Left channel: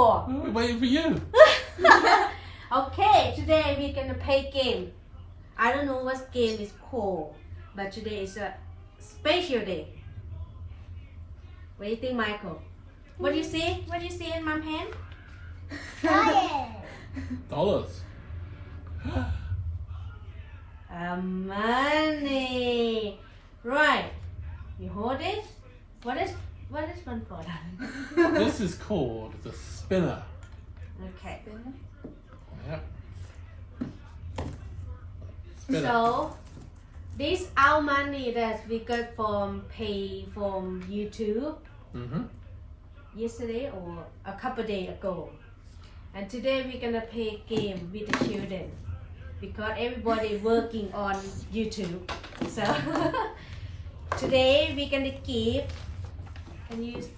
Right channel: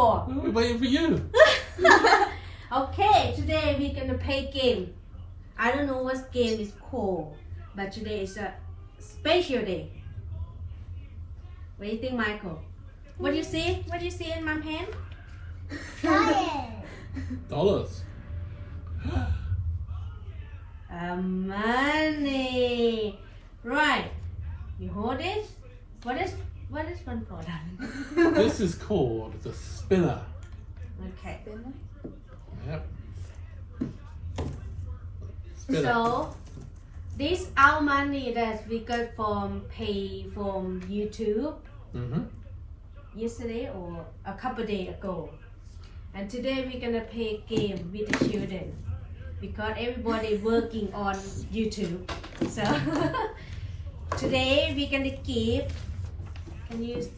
for? We're waiting for you. Okay, today we're gonna play game. I don't know what game is called, but today is a special day. What do you think, Michael? What do you see? What do you see in Mom's hand? Dollars. Money. Right. You hold it. What is one for? This is called the spinner. Okay. Yep. Spinner. So, this our money that we got from YouTube Mm-hmm. yesterday or a couple days ago. And today we're gonna play game with the children because everybody working on YouTube. So today we're gonna give and use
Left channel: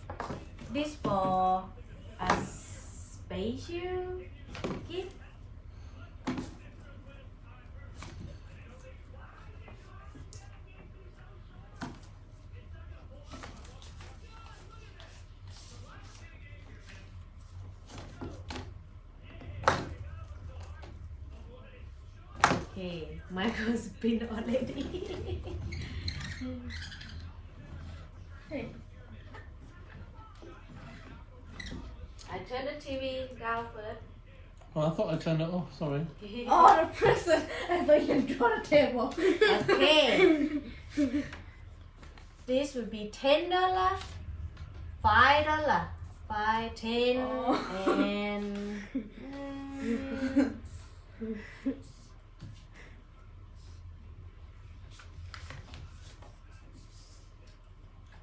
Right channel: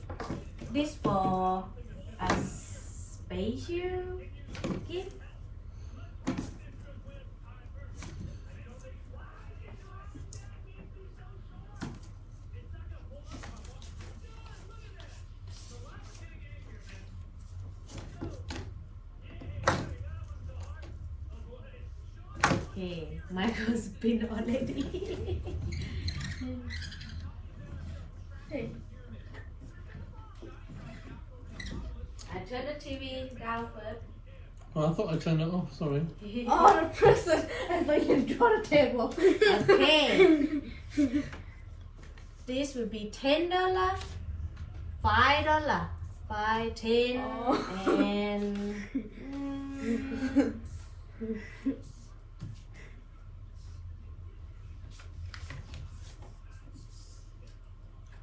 this for a special gift. Okay, Michael spin already. Hey. I turn the TV down first. Oh, I thought I turned it off. Sorry. Oh, the present. I thought you draw the table. Okay. This will be $10, $5, 5, 10, Oh. and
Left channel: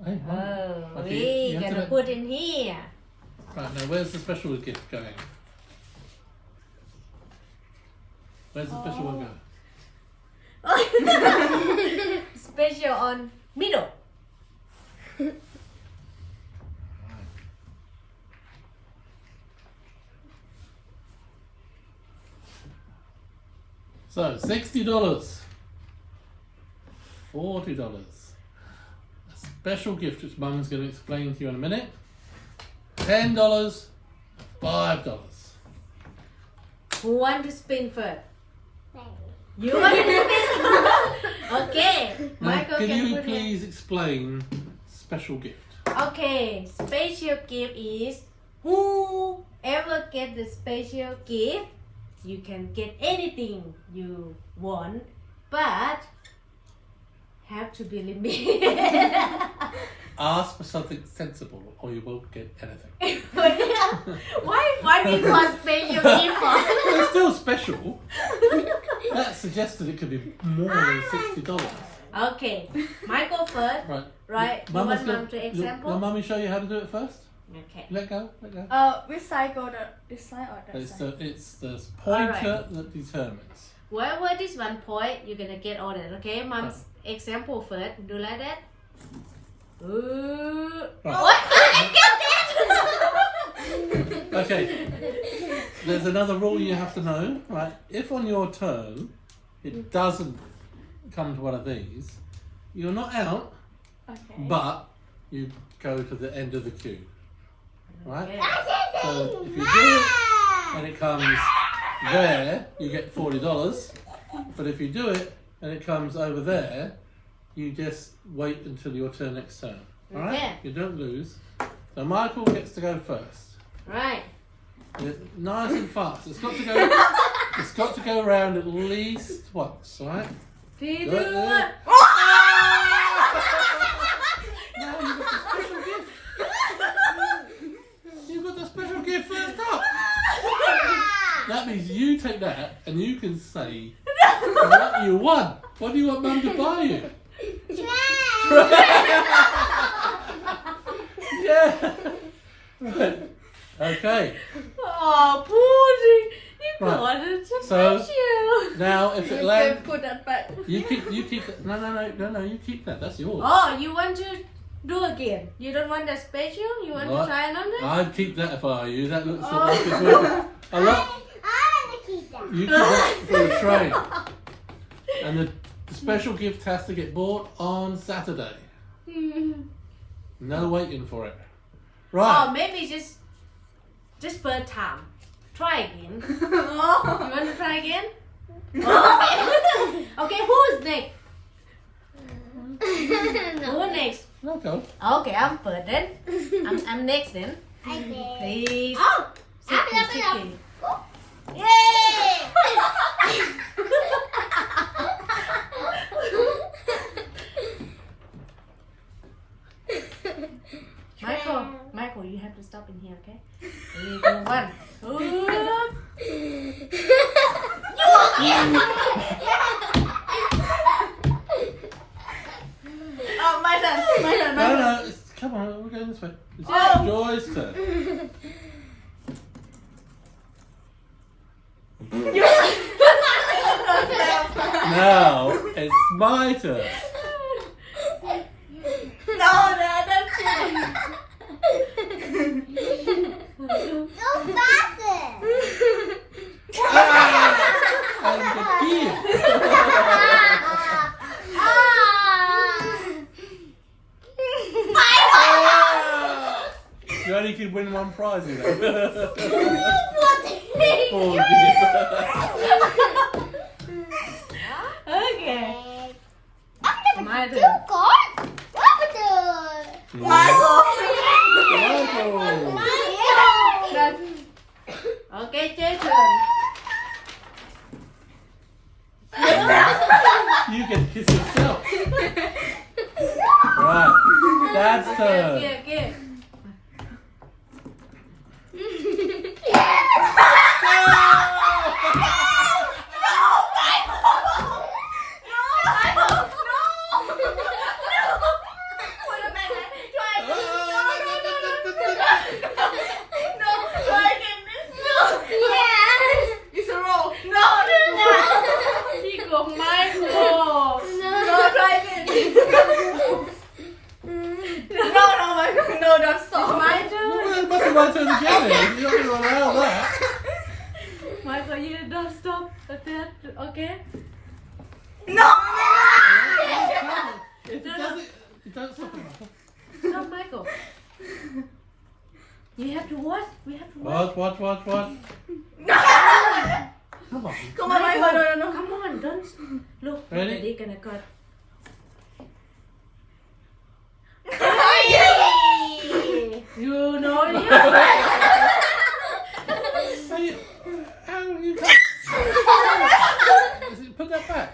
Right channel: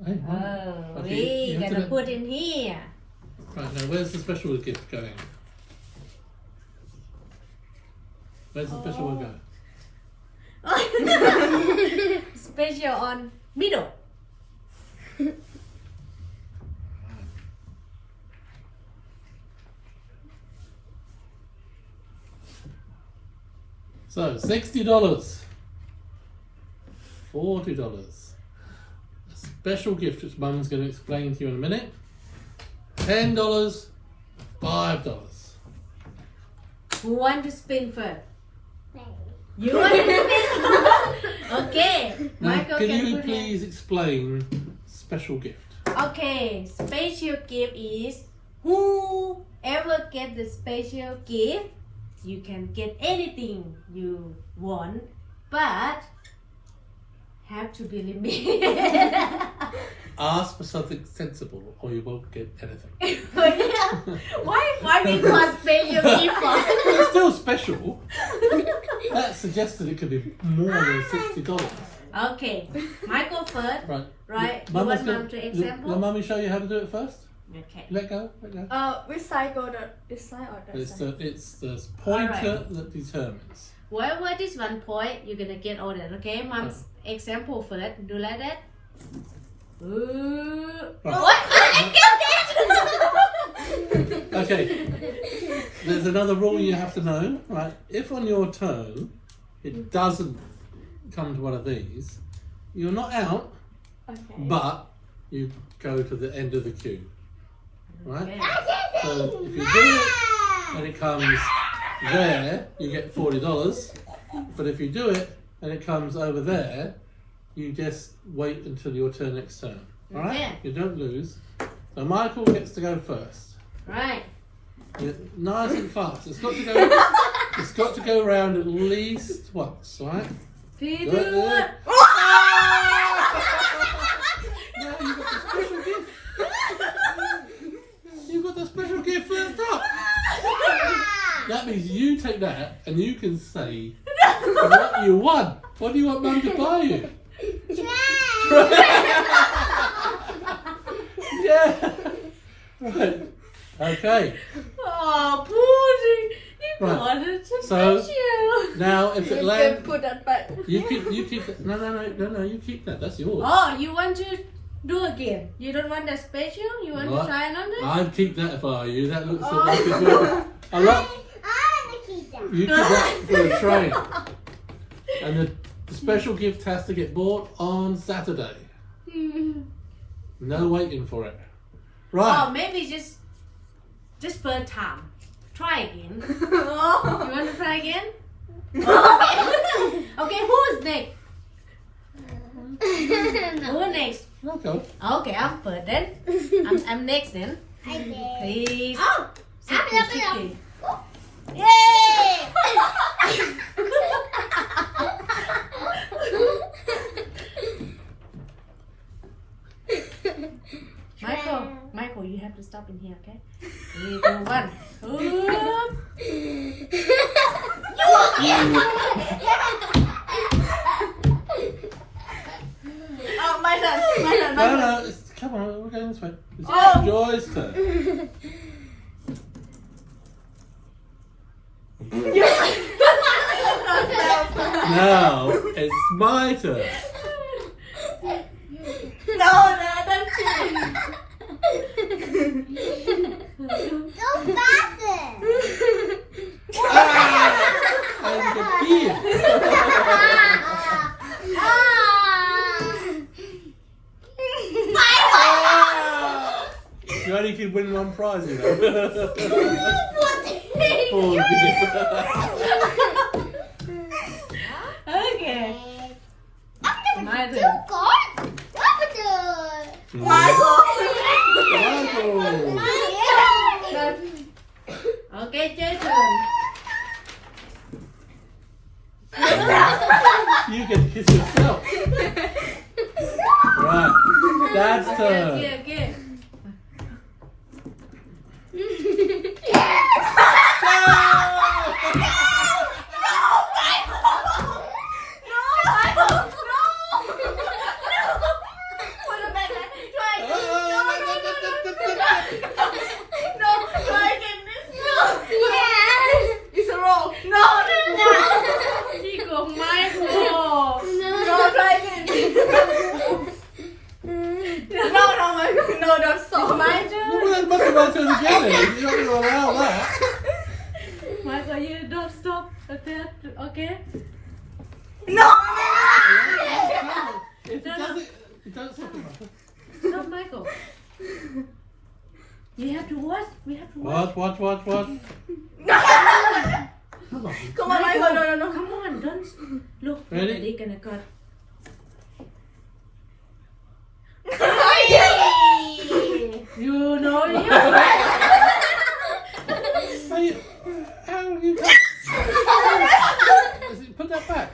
Hey, oh, okay, we you have gonna to- put in here. Right, now where's the special gift going? Where's the special one going? Special on middle. So, $60. $40. A special gift which Mum's going to explain to you in a minute. $10. $5. Who want to spin first? You want to spin? Okay. Now, Michael can you put it. please explain special gift? Okay, special gift is whoever get the special gift, you can get anything you want, but have to be limited. Ask for something sensible or you won't get anything. Why we call special gift for? It's still special. That suggested it could be more than $60. Okay, Michael first. Right. Right, you Mama's want gonna- Mum to Will example? Mummy show you how to do it first? Okay. Let go. Which side go this side or that It's side? the pointer that determines. Wherever this one point, you're gonna get all that. Okay, Mom's example first. Do like that. Ooh. Right. What? Okay. There's another rule you have to know, right? If on your turn it doesn't come to one of these, you're not out, Okay. but you go to the end of the queue, right? Okay. So if you do it and it comes there, you get $40. But if you do it and it comes over there, you just wait until your turn next turn. All right? Okay. You don't lose. So Michael gets to go first. Right. Nice and fast. It's got to go. It's got to go around at least once. All right? Three, Good, two, good. one. Now you got the special gift. You got the special gift first up. That means you take that and you can say what you want. What do you want Mum to buy you? Yeah. Right. Okay. Oh, Pussy. You Right. got it. So- Special. Now if You it can lands, put that back. you keep that. No. You keep that. That's yours. Oh, you want to do again? You don't want the special? You want What? to try another? I'd keep that if I were you. That looks Oh. like it's worth a lot. You keep that for a train. And the special gift has to get bought on Saturday. No waiting for it. Oh, Right. maybe just Just first time. Try again. You want to try again? Okay, who's next? Who next? Okay. Okay, I'm first then. I'm next then. Okay. Please. Oh, Sitting, sitting. Yay! Michael, you have to stop in here, okay? Here you go, one. Oh, my turn. No, come on, we're going this way. It's Joy's turn. Now it's my turn. No, I don't see. Go faster. And the key. You only can win one prize, you know. Oh, dear. Okay. My turn. Michael. Okay, Jason. You get to kiss yourself. Right. Dad's turn. Okay. It's a roll. No. Chico, Michael. No, try again. No, Michael. No, don't stop. My turn. Well, it must be my turn again. You're not going to allow that. Michael, you don't stop. Okay? No. If it doesn't, it doesn't stop it. Stop, Michael. You have to watch. We have to watch. What? Come on. Come on, Michael. No. Come on, don't look. Ready? They're gonna go. You know you. How you put that back?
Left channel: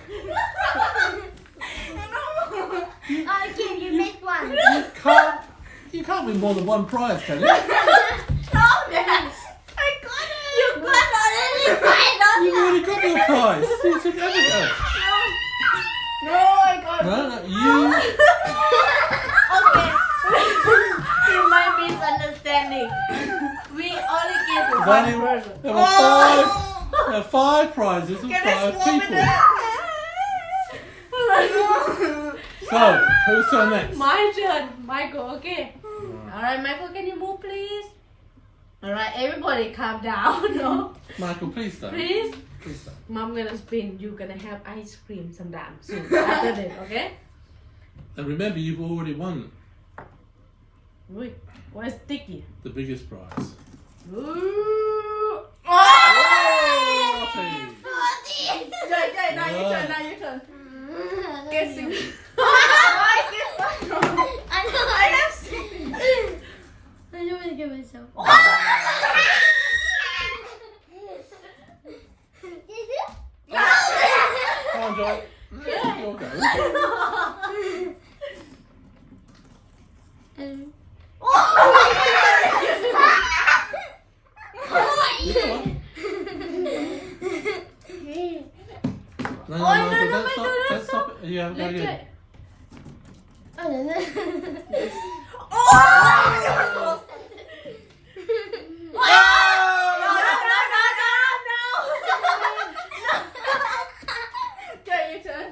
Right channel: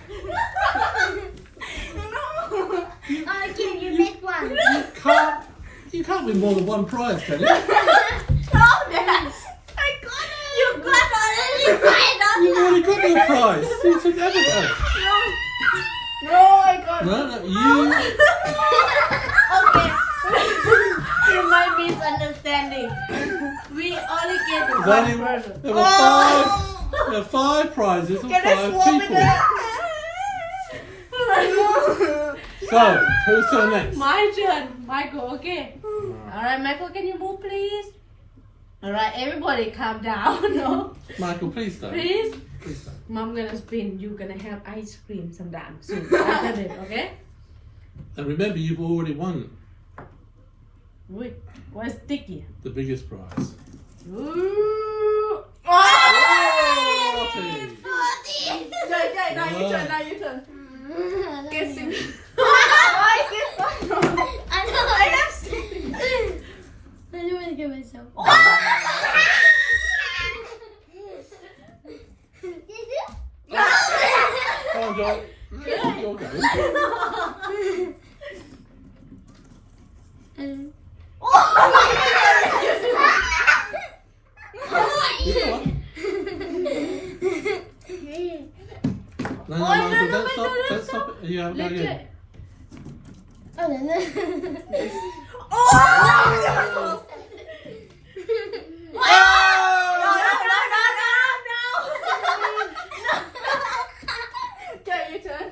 Can you make one? You can't win more than one prize, can you? No, Dad. I got it. You got it. You've already got your prize. You took everything. No, I got it. No, you. Okay. You might misunderstanding. We only get There's one only- person. There were five prizes and Can I 5 swap people. it? So, who's turn next? My turn, Michael. Okay. All right, Michael, can you move, please? All right, everybody, calm down. No, Michael, please don't. please. Please don't. Mom gonna spin. You gonna have ice cream sometime soon. After this, okay? And remember, you've already won Wait, what's sticky? the biggest prize. Ooh. Forty. Jay, now you turn. Guess you. I have six. I'm gonna get myself. Come on, Joy. You'll go. You go on. No, Michael, don't stop. Don't stop it. You have to go again. Jay, your turn.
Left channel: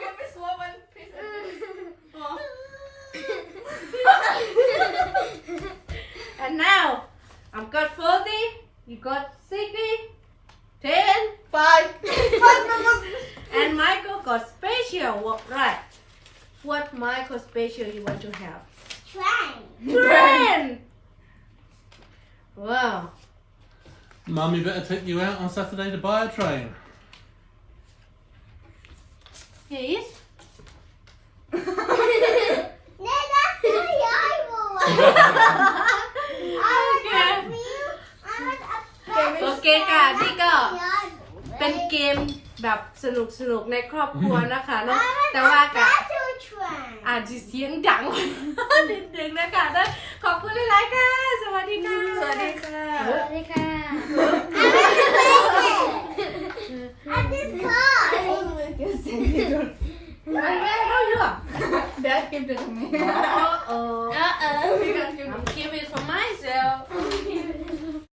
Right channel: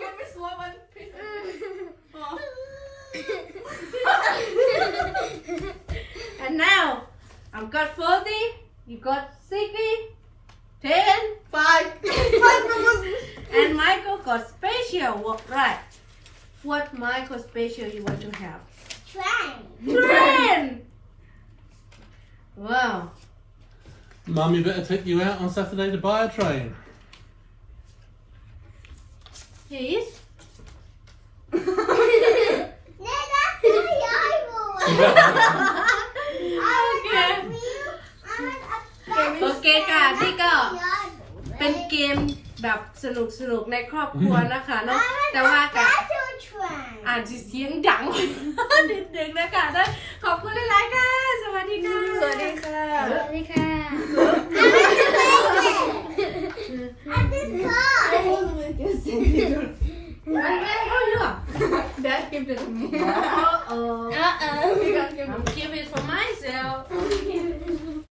Give me slow one, please. And now, I've got 40. You got 60. 10. 5. And Michael got special special right what Michael special you want to have Train. train wow Mummy better take you out on Saturday to buy a train. Please No, that's the eyeball. I want a wheel. I want a โอเคค่ะนี่ก็ eyeball. เป็นเกมแบบสนุกๆในครอบครัวนะคะเนาะแต่ว่ากับ Battle train. อาจจะเสียงดัง นิดนึงนะคะนะขอบคุณหลายๆค่ะสวัสดีค่ะ สวัสดีค่ะ สวัสดีค่ะ And this car. อันนี้เขาเลือก Dad came to me.